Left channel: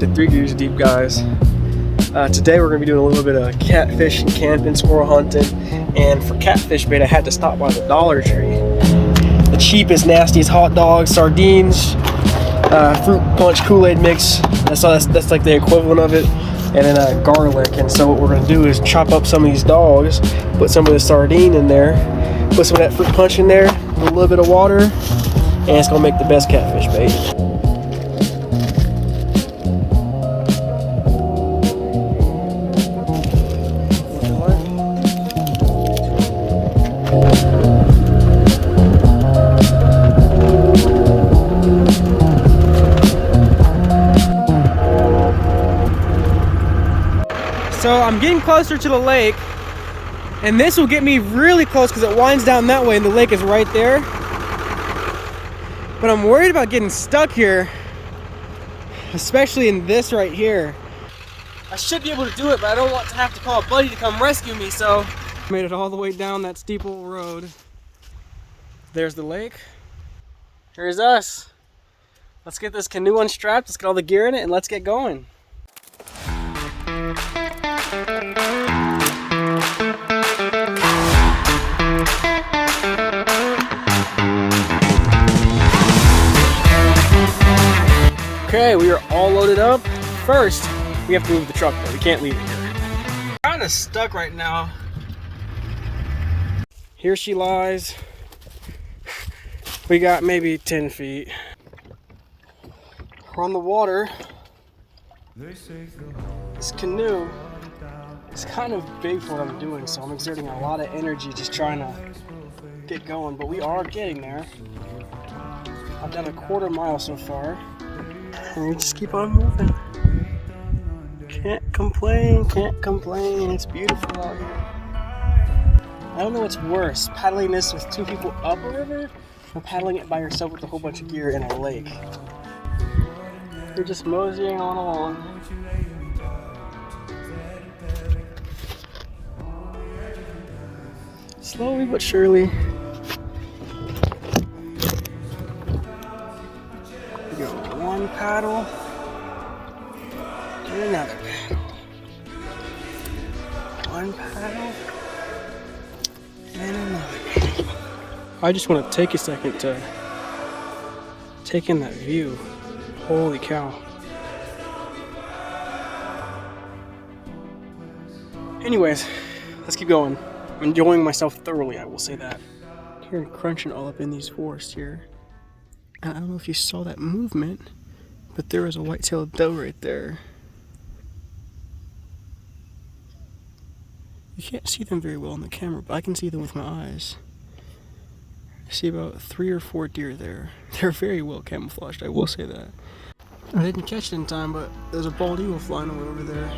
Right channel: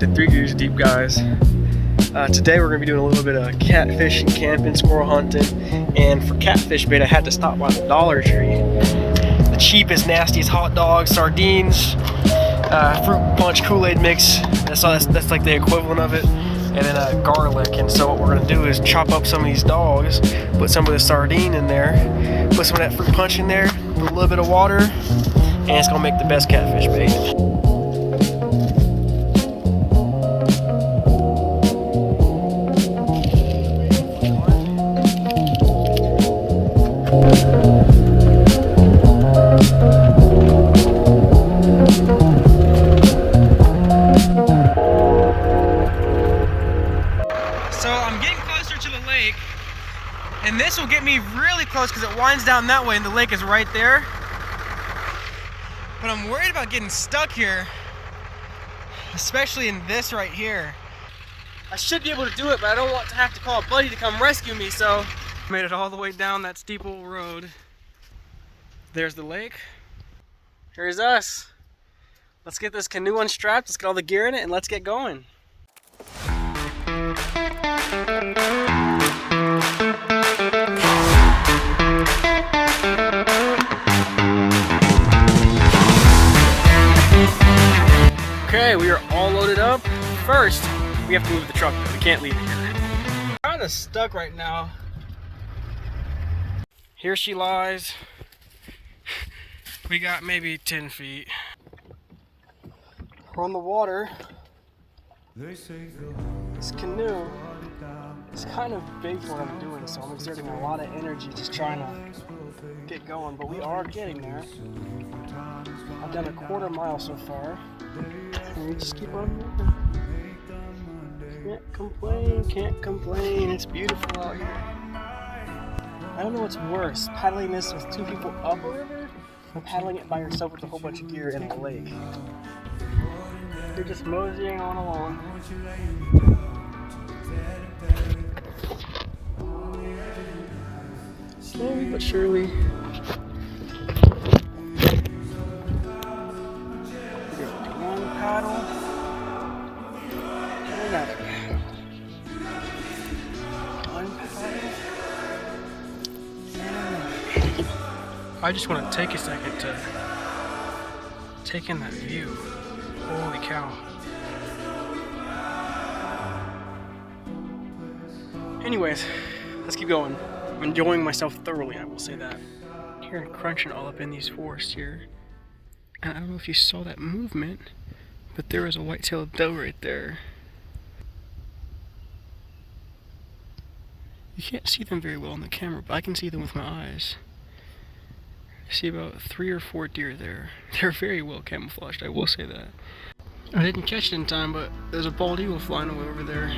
back to 3 Gears Deep, guys. Today we're going to be doing a little bit of catfish and camping, squirrel hunting, and for catfish bait I had to stop by the Dollar Tree. The cheapest, nastiest hot dogs, sardines, fruit punch Kool-Aid mix, that's like the equivalent of it, and then garlic. And so what we're going to do is chop up some of these dogs, put some of the sardine in there, put some of that fruit punch in there, put a little bit of water, and it's going to make the best catfish bait. So I'm getting closer to the lake, and this will get me really close because it winds down that way and the lake is right there. But I'm worried about getting stuck here, especially in this right here. I should be able to do it, but I don't want to have to call a buddy to come rescue me, so. Made it all the way down that steep old road. There's the lake. Here's us. Let's get this canoe unstrapped, let's get all the gear in it, and let's get going. Okay, we are all loaded up. First, we have to move the truck though. We can't leave it here. Kind of stuck right now. Here she lies. We got maybe 10 feet. We're on the water. This canoe is kind of big for what I'm doing, so I'm exerting a lot of energy just trying to get going, but we are getting there. I've done a quarter mile so far, and we just keep on moving. Can't complain, it's beautiful out here. I don't know what's worse, paddling this with 2 people up a river, or paddling it by yourself with a whole bunch of gear in a lake. We're just moseying on along. Slowly but surely. We go one paddle and another paddle. One paddle and another paddle. I just want to take a second to take in that view. Holy cow. Anyways, let's keep going. I'm enjoying myself thoroughly, I will say that. Here, crunching all up in these forests here. And I don't know if you saw that movement, but there was a white-tailed doe right there. You can't see them very well on the camera, but I can see them with my eyes. I see about 3 or 4 deer there. They're very well camouflaged, I will say that. I didn't catch it in time, but there's a bald eagle flying away over there.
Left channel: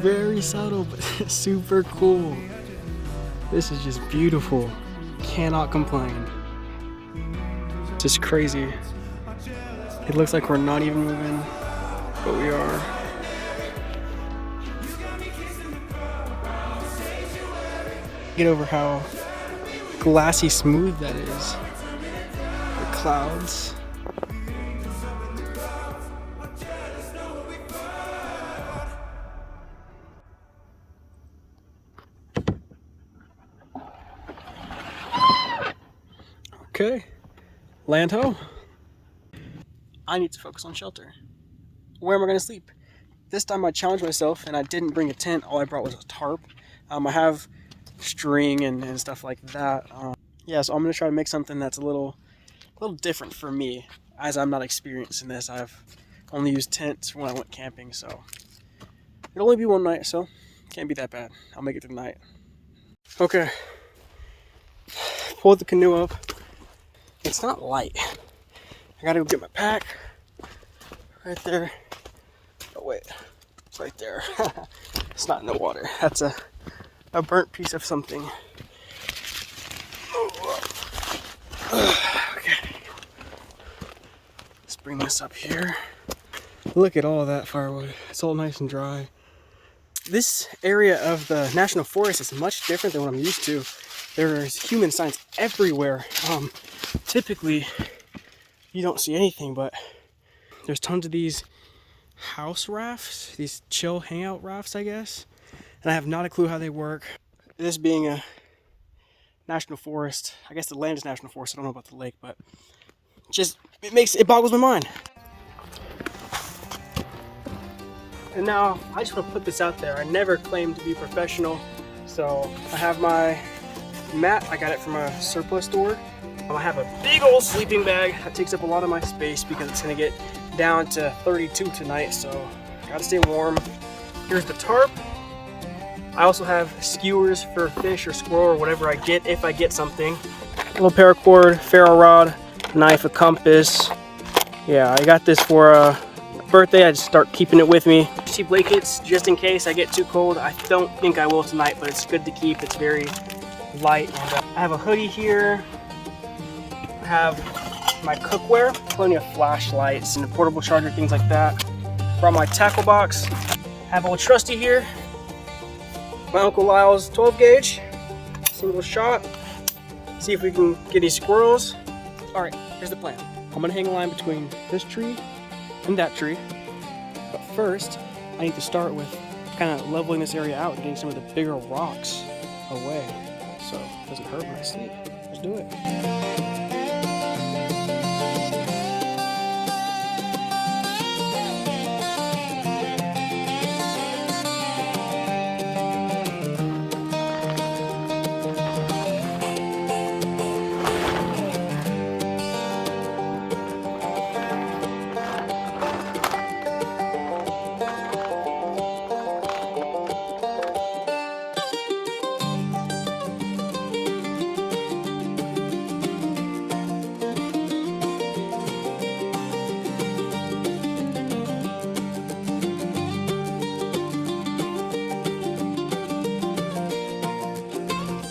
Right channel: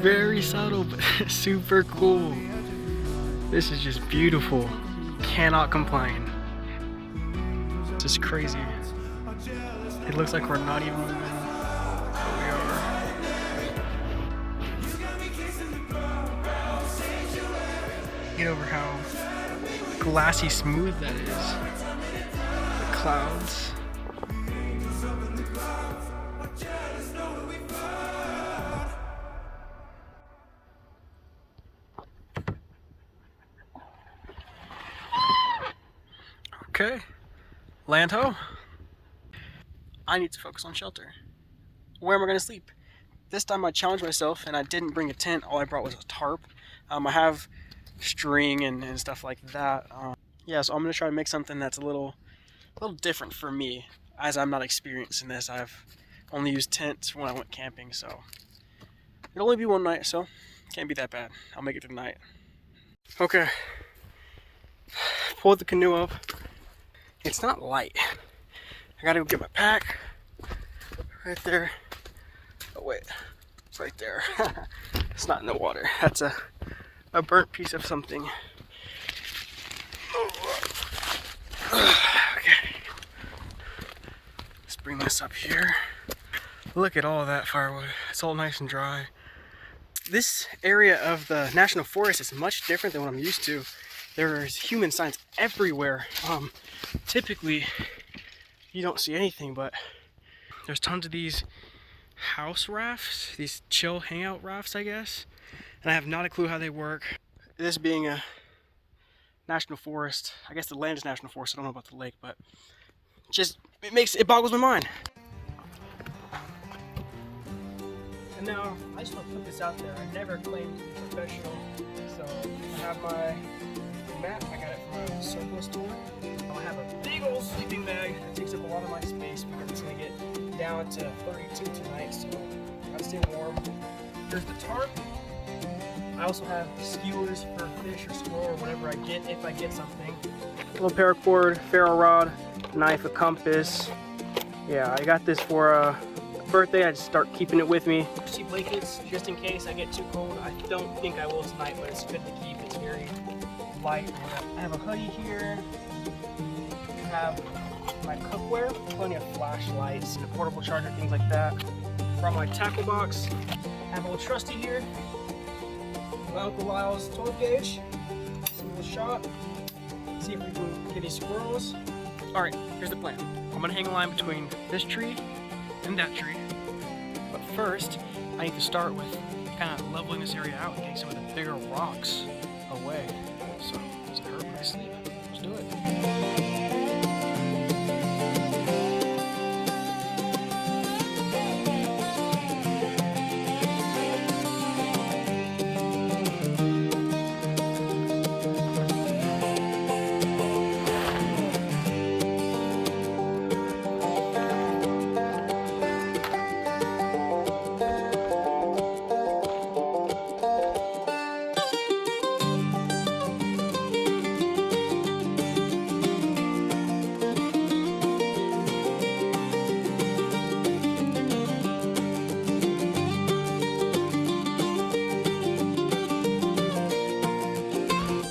Very subtle, but super cool. This is just beautiful. Cannot complain. It's just crazy. It looks like we're not even moving, but we are. Get over how glassy smooth that is. The clouds. Okay, land ho. I need to focus on shelter. Where am I going to sleep? This time I challenged myself and I didn't bring a tent. All I brought was a tarp. I have string and stuff like that. Yeah, so I'm going to try to make something that's a little different for me, as I'm not experienced in this. I've only used tents when I went camping, so it'll only be one night, so can't be that bad. I'll make it through the night. Okay, pulled the canoe up. It's not light. I gotta go get my pack. Right there. Oh wait, it's right there. It's not in the water. That's a burnt piece of something. Okay. Let's bring this up here. Look at all that firewood. It's all nice and dry. This area of the National Forest is much different than what I'm used to. There's human signs everywhere. Typically, you don't see anything, but there's tons of these house rafts, these chill hangout rafts, I guess. And I have not a clue how they work. This being a national forest, I guess the land is national forest, I don't know about the lake, but it boggles my mind. And now I just want to put this out there. I never claimed to be professional, so I have my mat. I got it from a surplus store. I have a big old sleeping bag that takes up a lot of my space because it's gonna get down to 32 tonight, so I gotta stay warm. Here's the tarp. I also have skewers for fish or squirrel or whatever I get, if I get something. A little paracord, ferro rod, knife, a compass. Yeah, I got this for a birthday. I just start keeping it with me. Cheap blankets just in case I get too cold. I don't think I will tonight, but it's good to keep. It's very light. I have a hoodie here. I have my cookware, plenty of flashlights and a portable charger, things like that. Brought my tackle box. I have old trusty here. My Uncle Lyle's 12 gauge, single shot. See if we can get these squirrels. All right, here's the plan. I'm gonna hang a line between this tree and that tree. But first, I need to start with kind of leveling this area out, getting some of the bigger rocks away, so it doesn't hurt when I sleep. Let's do it.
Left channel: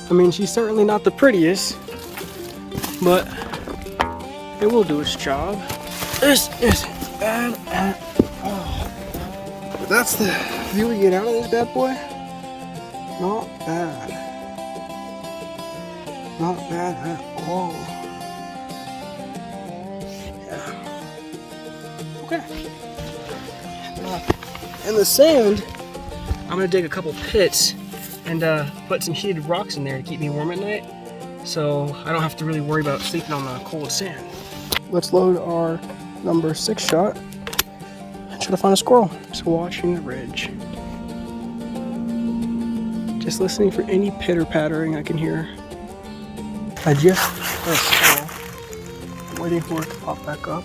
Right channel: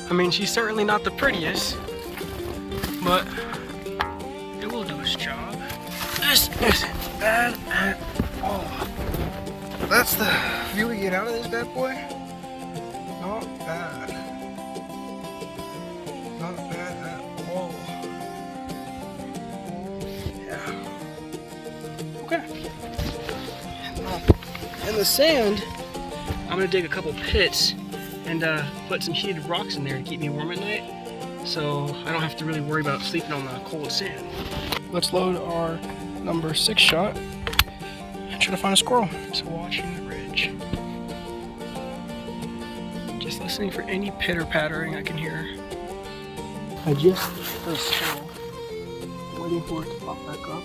I mean, she's certainly not the prettiest, but it will do its job. This isn't bad at all. But that's the view we get out of this bad boy. Not bad. Not bad at all. Yeah. Okay. In the sand, I'm gonna dig a couple pits and put some heated rocks in there to keep me warm at night, so I don't have to really worry about sleeping on the cold sand. Let's load our number 6 shot and try to find a squirrel. Just watching the ridge. Just listening for any pitter-pattering I can hear. I just heard a squirrel. I'm waiting for it to pop back up.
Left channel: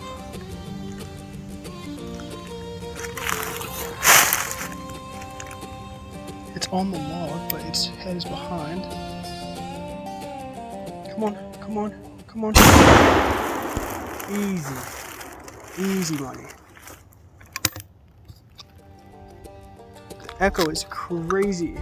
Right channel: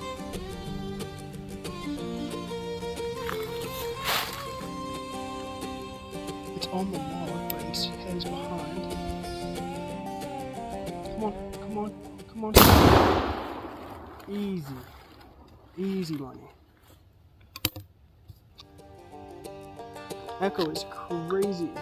It's on the log, but its head is behind. Come on, come on, come on. Easy. Easy money. The echo is crazy.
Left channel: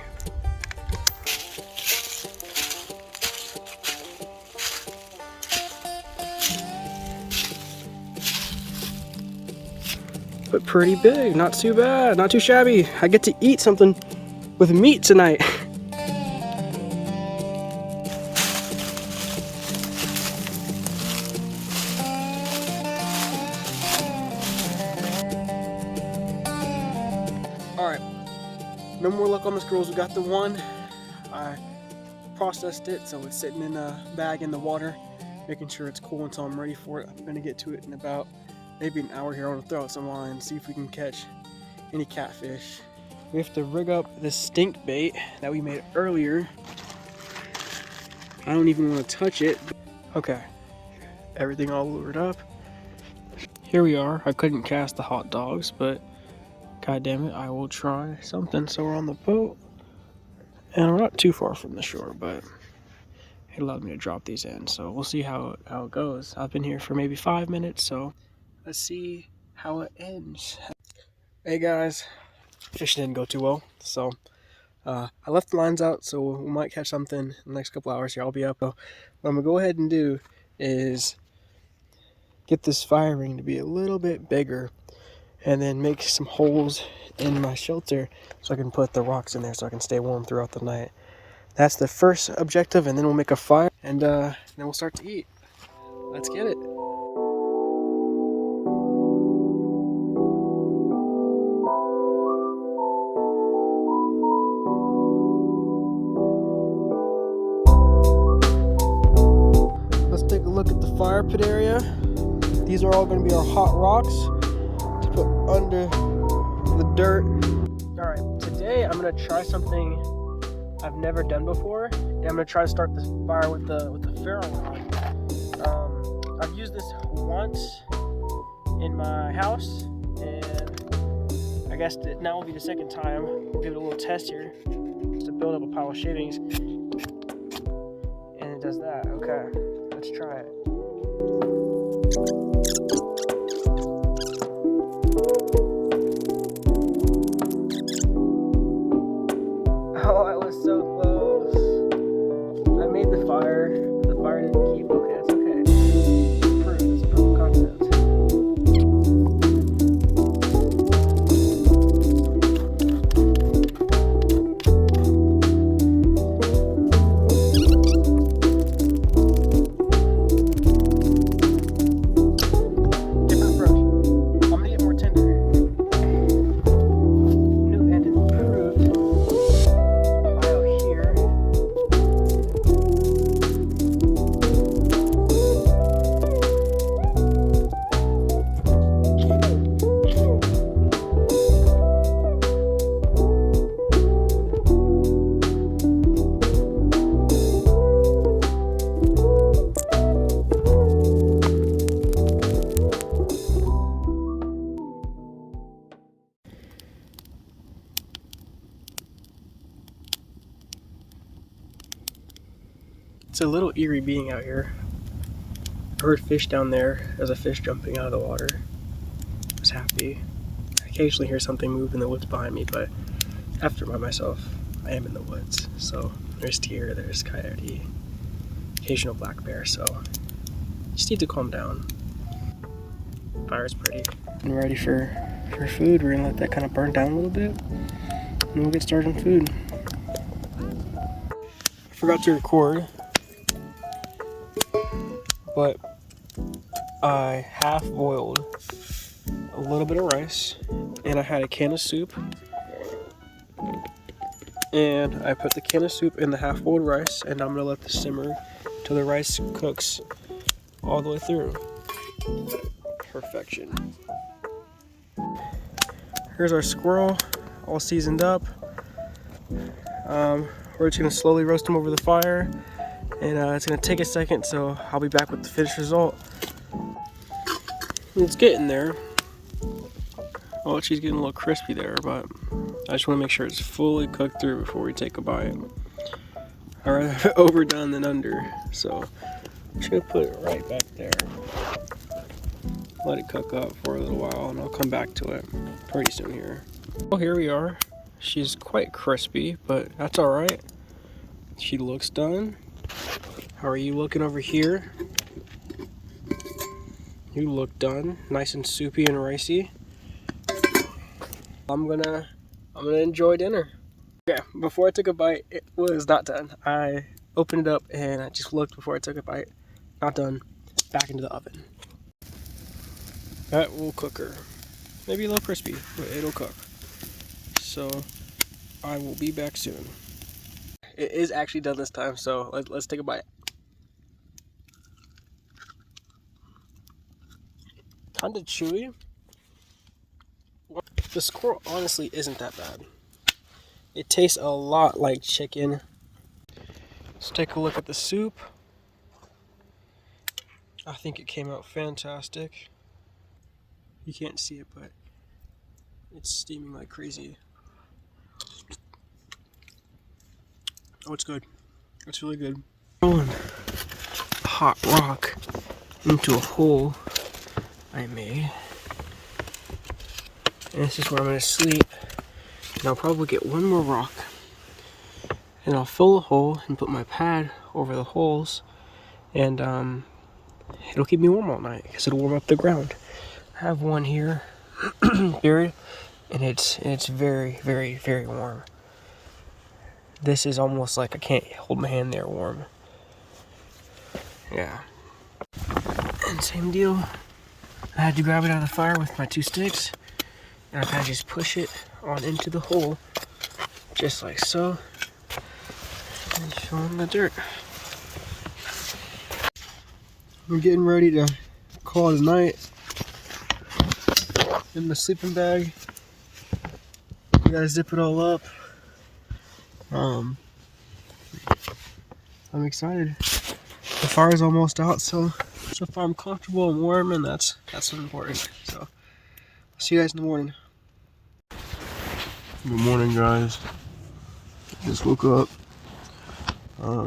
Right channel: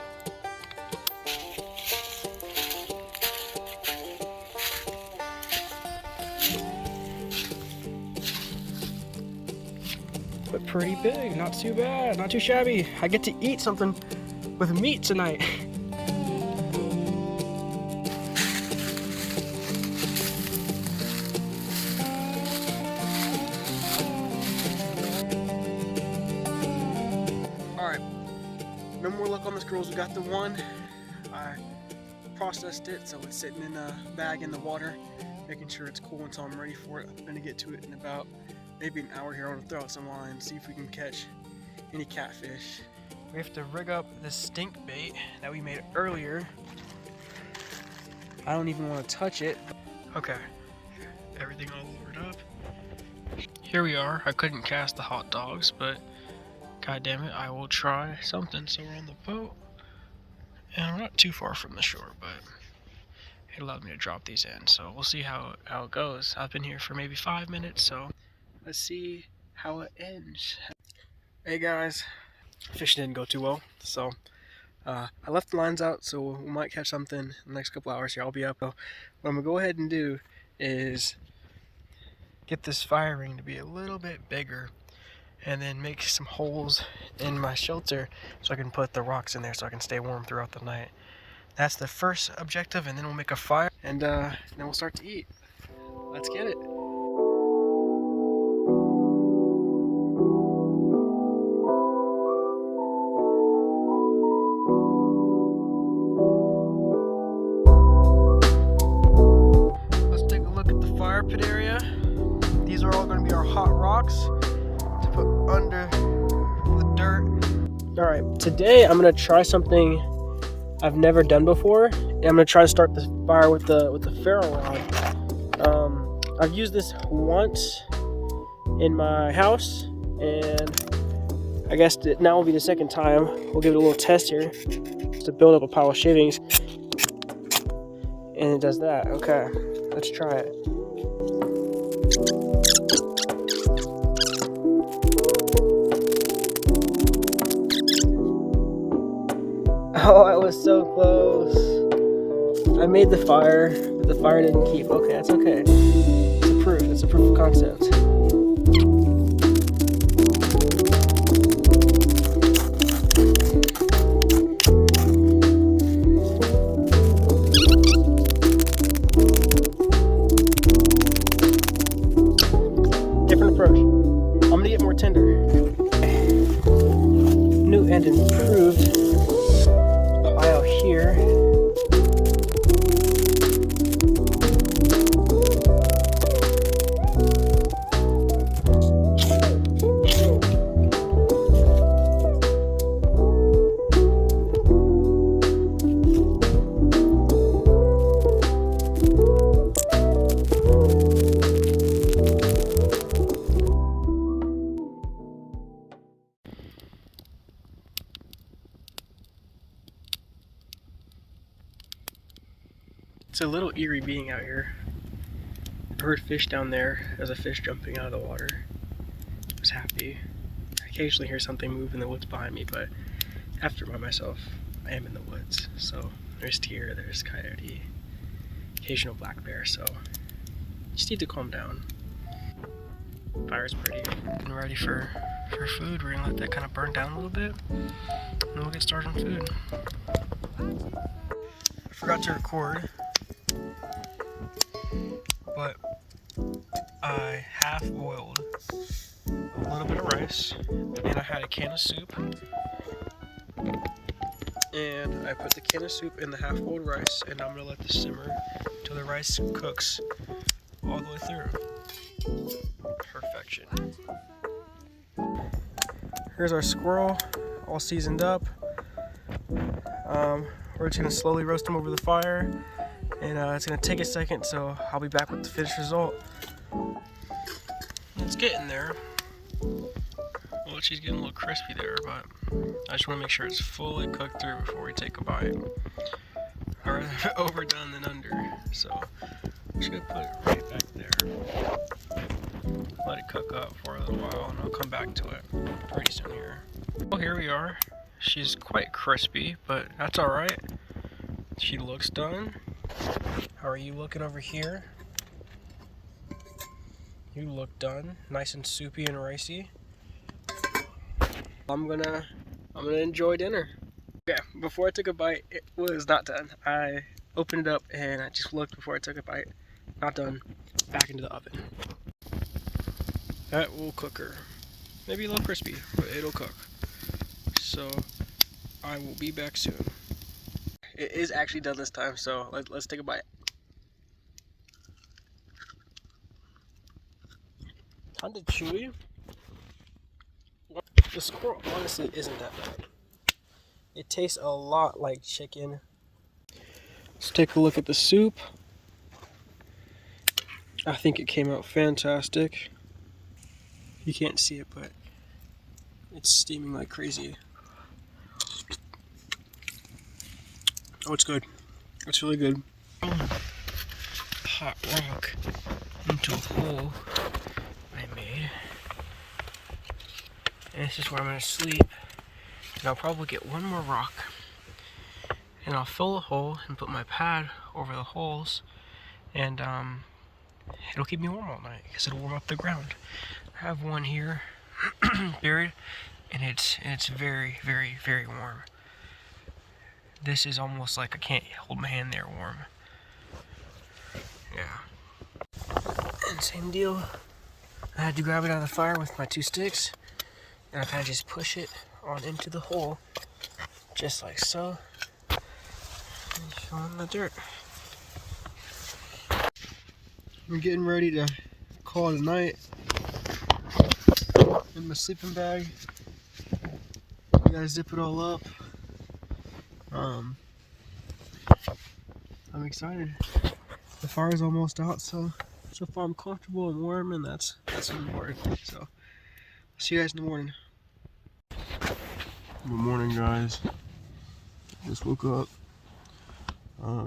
But pretty big, not too bad, not too shabby. I get to eat something with meat tonight. Alright, no more luck on the squirrels. We got the one. I processed it, so it's sitting in a bag in the water, making sure it's cool until I'm ready for it. I'm gonna get to it in about maybe an hour here. I want to throw out some lines, see if we can catch any catfish. We have to rig up this stink bait that we made earlier. I don't even want to touch it. Okay, everything all lured up. Here we are. I couldn't cast the hot dogs, but god damn it, I will try something. So we're on the boat, and we're not too far from the shore, but it allowed me to drop these in. So we'll see how it goes. I've been here for maybe 5 minutes, so let's see how it ends. Hey guys. Fishing didn't go too well, so I left the lines out, so we might catch something in the next couple hours here. I'll be up. What I'm gonna go ahead and do is get this fire ring to be a little bit bigger, and then make some holes in my shelter so I can put the rocks in there so I can stay warm throughout the night. That's the first objective, and then we'll make a fire, and then we'll start to eat. Let's get it. look at the fire pit area. These are all going to be our hot rocks to put under the dirt. All right, today I'm going to try something I've never done before, and I'm going to try to start this fire with the ferro rod. I've used this once in my house, and I guess now will be the second time. We'll give it a little test here just to build up a pile of shavings, and it does that. Okay, let's try it. Oh, I was so close. I made the fire, but the fire didn't keep. Okay, it's okay. It's a proof of concept. Different approach. I'm gonna get more tender. New and improved. It's a little eerie being out here. I heard fish down there. There's a fish jumping out of the water. I was happy. I occasionally hear something move in the woods behind me, but after by myself, I am in the woods. So there's deer, there's coyote, occasional black bear, so just need to calm down. Fire's pretty. And ready for food. We're gonna let that kind of burn down a little bit, and we'll get started on food. I forgot to record, but I half boiled a little bit of rice, and I had a can of soup, and I put the can of soup in the half boiled rice, and I'm gonna let this simmer till the rice cooks all the way through. Perfection. Here's our squirrel, all seasoned up. We're just gonna slowly roast them over the fire, and it's gonna take a second, so I'll be back with the finished result. It's getting there. Well, she's getting a little crispy there, but I just want to make sure it's fully cooked through before we take a bite. I'd rather have it overdone than under, so I'm just gonna put it right back there. Let it cook up for a little while, and I'll come back to it pretty soon here. Well, here we are. She's quite crispy, but that's all right. She looks done. How are you looking over here? You look done, nice and soupy and ricey. I'm gonna enjoy dinner. Okay, before I took a bite, it was not done. I opened it up and I just looked before I took a bite. Not done. Back into the oven. That will cook her. Maybe a little crispy, but it'll cook. So I will be back soon. It is actually done this time, so let's take a bite. Kind of chewy. The squirrel honestly isn't that bad. It tastes a lot like chicken. Let's take a look at the soup. I think it came out fantastic. You can't see it, but it's steaming like crazy. Oh, it's good. It's really good. Throwing a hot rock into a hole I made. And this is where I'm going to sleep. And I'll probably get one more rock. And I'll fill the hole and put my pad over the holes. And it'll keep me warm all night because it'll warm up the ground. I have one here buried, and it's very, very, very warm. This is almost like I can't hold my hand there warm. Yeah. And same deal. I had to grab it out of the fire with my 2 sticks, and I kind of just push it on into the hole, just like so, and fill in the dirt. I'm getting ready to call it a night in my sleeping bag. I gotta zip it all up. I'm excited. The fire's almost out, so far I'm comfortable and warm, and that's important. So I'll see you guys in the morning. Good morning, guys. Just woke up.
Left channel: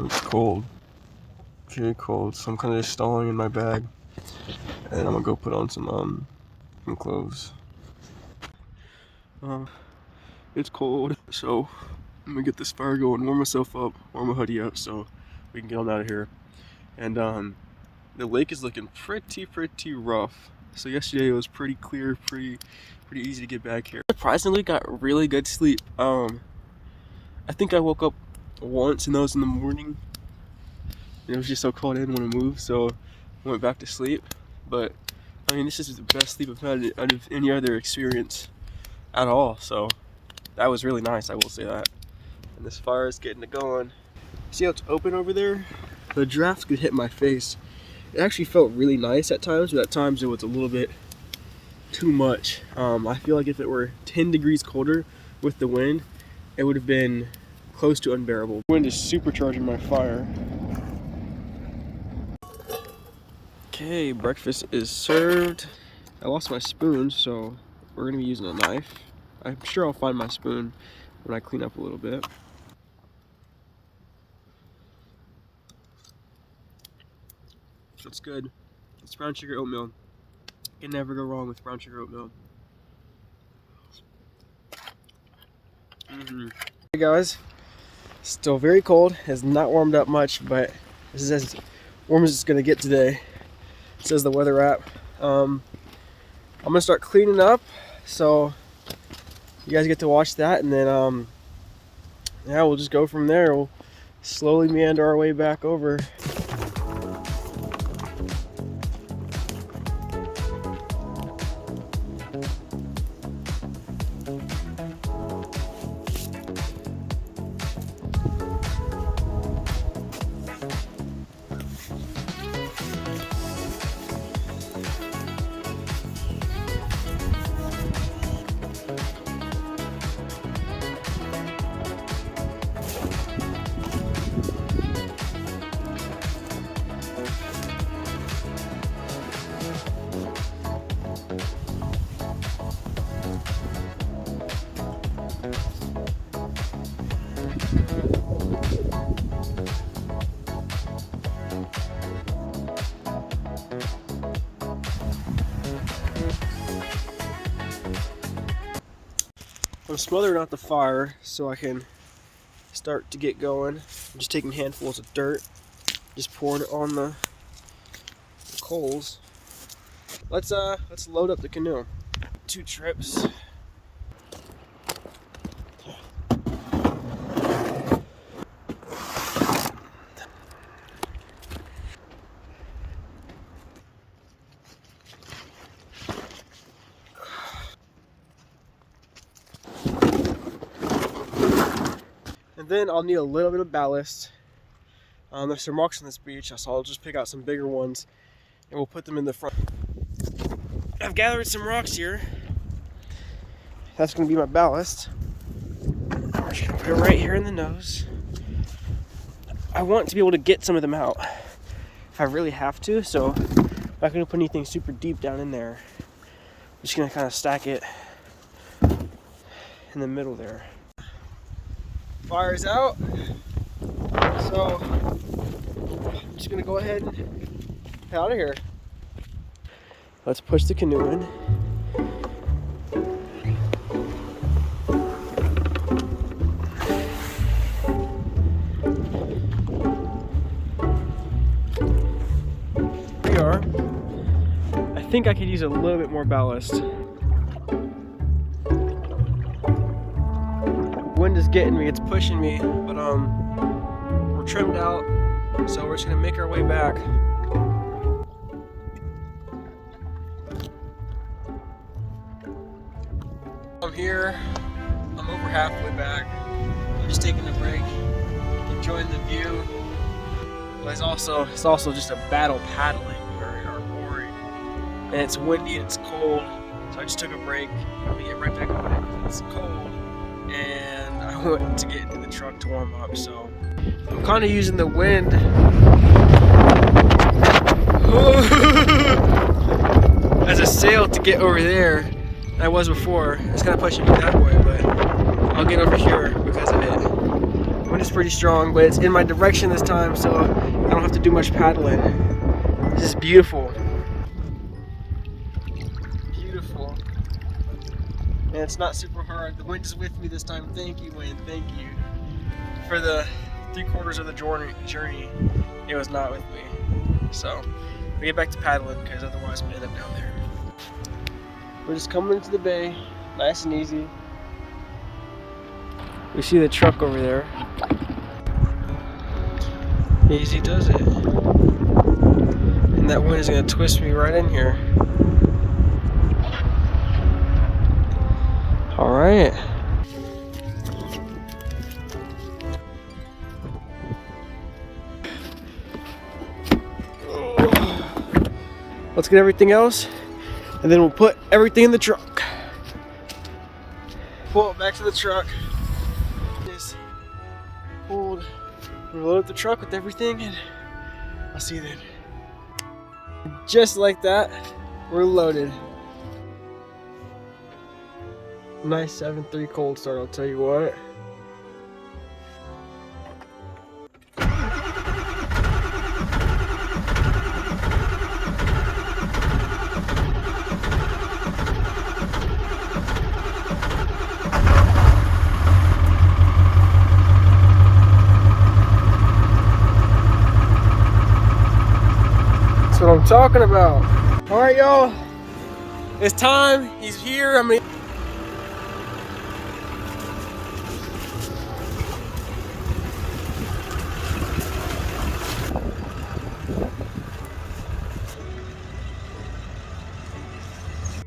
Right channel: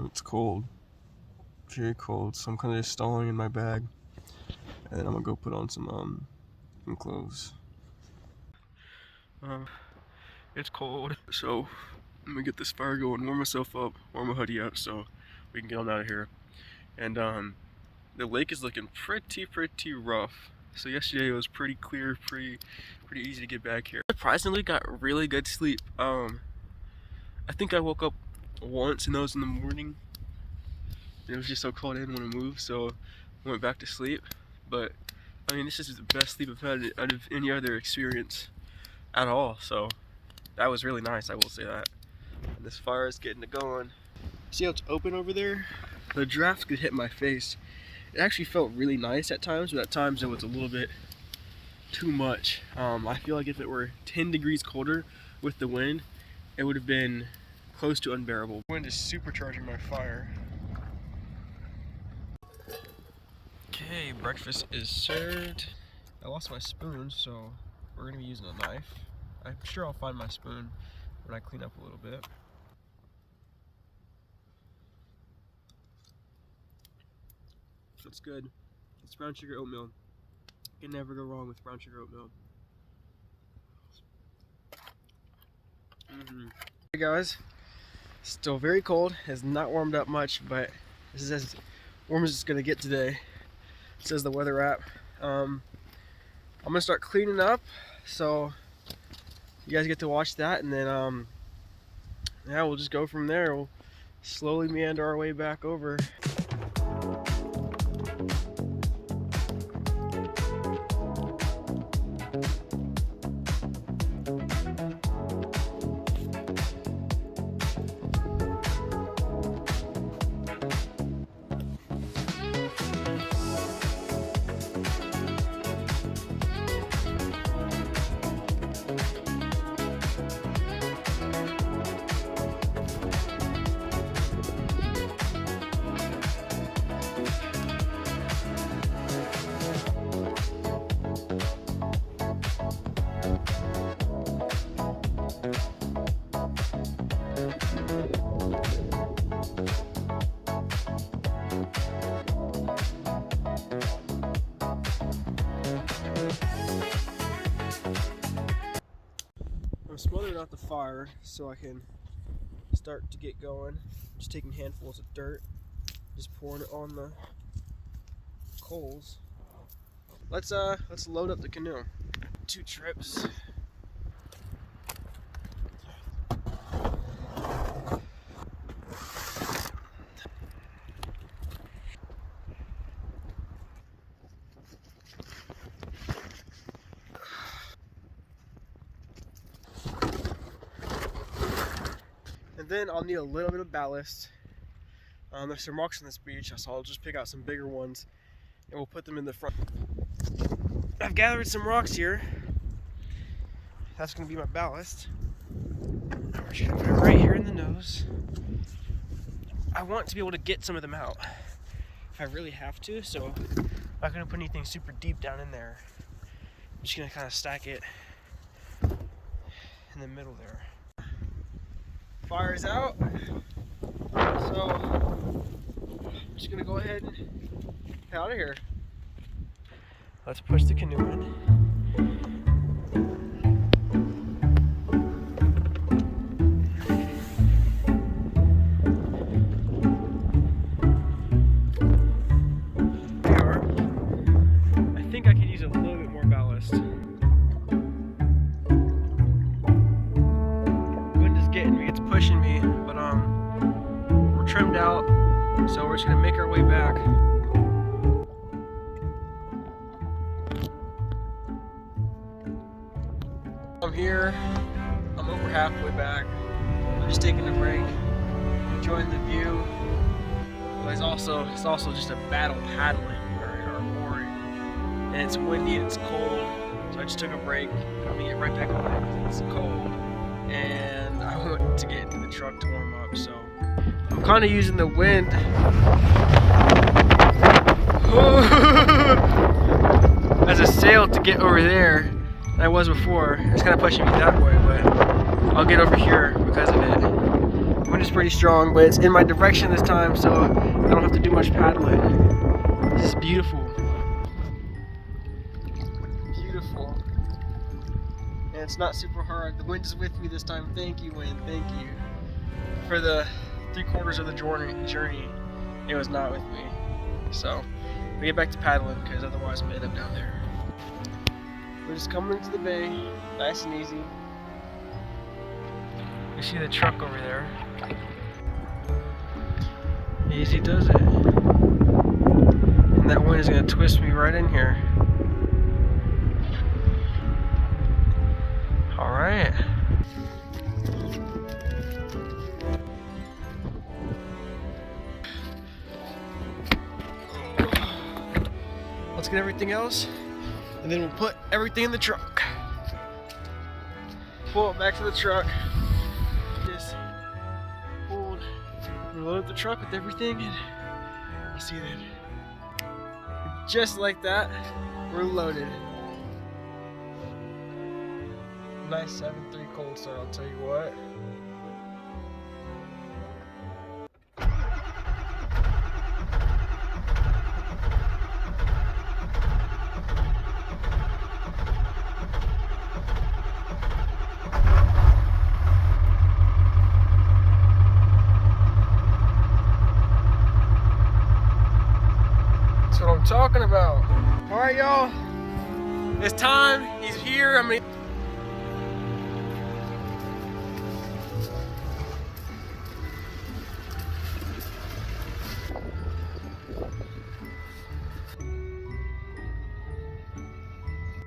It's cold. Very cold. So I'm kind of just stalling in my bag, and I'm gonna go put on some clothes. It's cold, so I'm gonna get this fire going, warm myself up, warm my hoodie up, so we can get on out of here. And the lake is looking pretty rough. So yesterday it was pretty clear, pretty easy to get back here. Surprisingly, got really good sleep. I think I woke up once, and that was in the morning. It was just so cold I didn't want to move, so I went back to sleep. But I mean, this is the best sleep I've had out of any other experience at all. So that was really nice, I will say that. And this fire is getting it going. See how it's open over there? The draft could hit my face. It actually felt really nice at times, but at times it was a little bit too much. I feel like if it were 10 degrees colder with the wind, it would have been close to unbearable. The wind is supercharging my fire. Okay, breakfast is served. I lost my spoon, so we're gonna be using a knife. I'm sure I'll find my spoon when I clean up a little bit. So it's good. It's brown sugar oatmeal. You can never go wrong with brown sugar oatmeal. Hey guys, still very cold. Has not warmed up much, but this is as warm as it's gonna get today, says the weather app. I'm gonna start cleaning up, so you guys get to watch that, and then yeah, we'll just go from there. We'll slowly meander our way back over. I'm smothering out the fire so I can start to get going. I'm just taking handfuls of dirt, just pouring it on the coals. Let's load up the canoe. 2 trips. And then I'll need a little bit of ballast. There's some rocks on this beach, so I'll just pick out some bigger ones and we'll put them in the front. I've gathered some rocks here. That's gonna be my ballast. I'm just gonna put it right here in the nose. I want to be able to get some of them out if I really have to, so I'm not gonna put anything super deep down in there. I'm just gonna kind of stack it in the middle there. Fire's out, so I'm just gonna go ahead and get out of here. Let's push the canoe in. Here we are. I think I could use a little bit more ballast. Wind is getting me, it's pushing me, but we're trimmed out, so we're just gonna make our way back. I'm here, I'm over halfway back. I'm just taking a break, enjoying the view. But it's also just a battle paddling, or and it's windy and it's cold. So I just took a break. I'm gonna get right back on it because it's cold, and I want to get into the truck to warm up. So I'm kind of using the wind as a sail to get over there than I was before. It's kind of pushing me that way, but I'll get over here because of it. The wind is pretty strong, but it's in my direction this time, so I don't have to do much paddling. This is beautiful. Beautiful. And it's not super hard. The wind is with me this time. Thank you, Wayne. Thank you. For the 3/4 of the journey, it was not with me. So we get back to paddling because otherwise I'm gonna end up down there. We're just coming into the bay, nice and easy. We see the truck over there. Easy does it. And that wind is gonna twist me right in here. All right. Let's get everything else, and then we'll put everything in the truck. Pull it back to the truck. Just reload the truck with everything, and I'll see you then. Just like that, we're loaded. Nice 7.3 cold start, I'll tell you what. That's what I'm talking about. All right, y'all. It's time. He's here. I mean.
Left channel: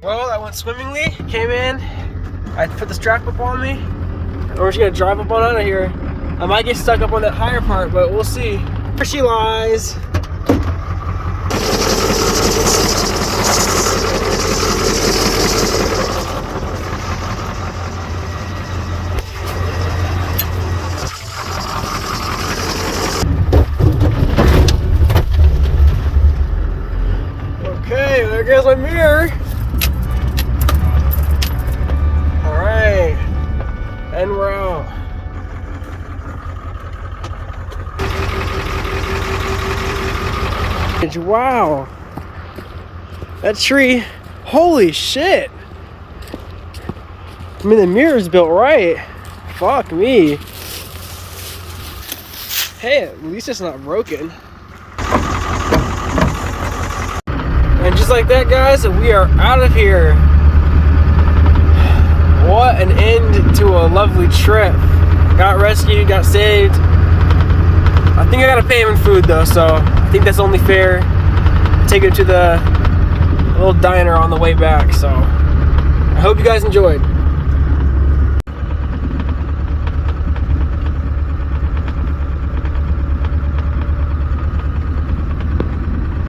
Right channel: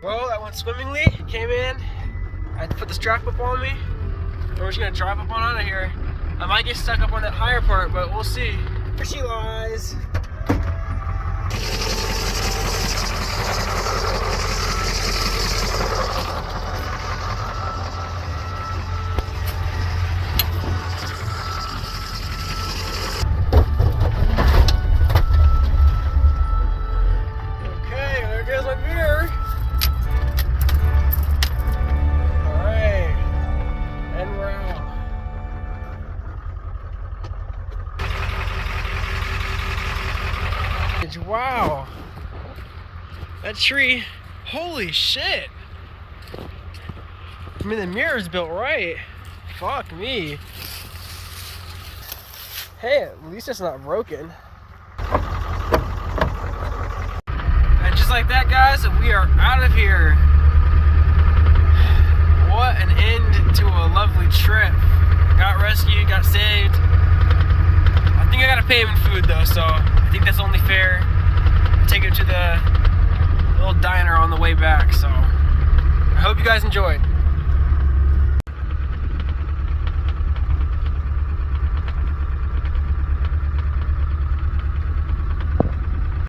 Well, that went swimmingly. Came in. I put the strap up on me. And we're just gonna drive up on out of here. I might get stuck up on that higher part, but we'll see. There she lies. Okay, there goes my mirror. All right, and we're out. Wow, that tree, holy shit. I mean, the mirror's built right. Fuck me. Hey, at least it's not broken. And just like that, guys, we are out of here. What an end to a lovely trip. Got rescued, got saved. I think I gotta pay him in food though, so I think that's only fair. Take him to the little diner on the way back, so I hope you guys enjoyed.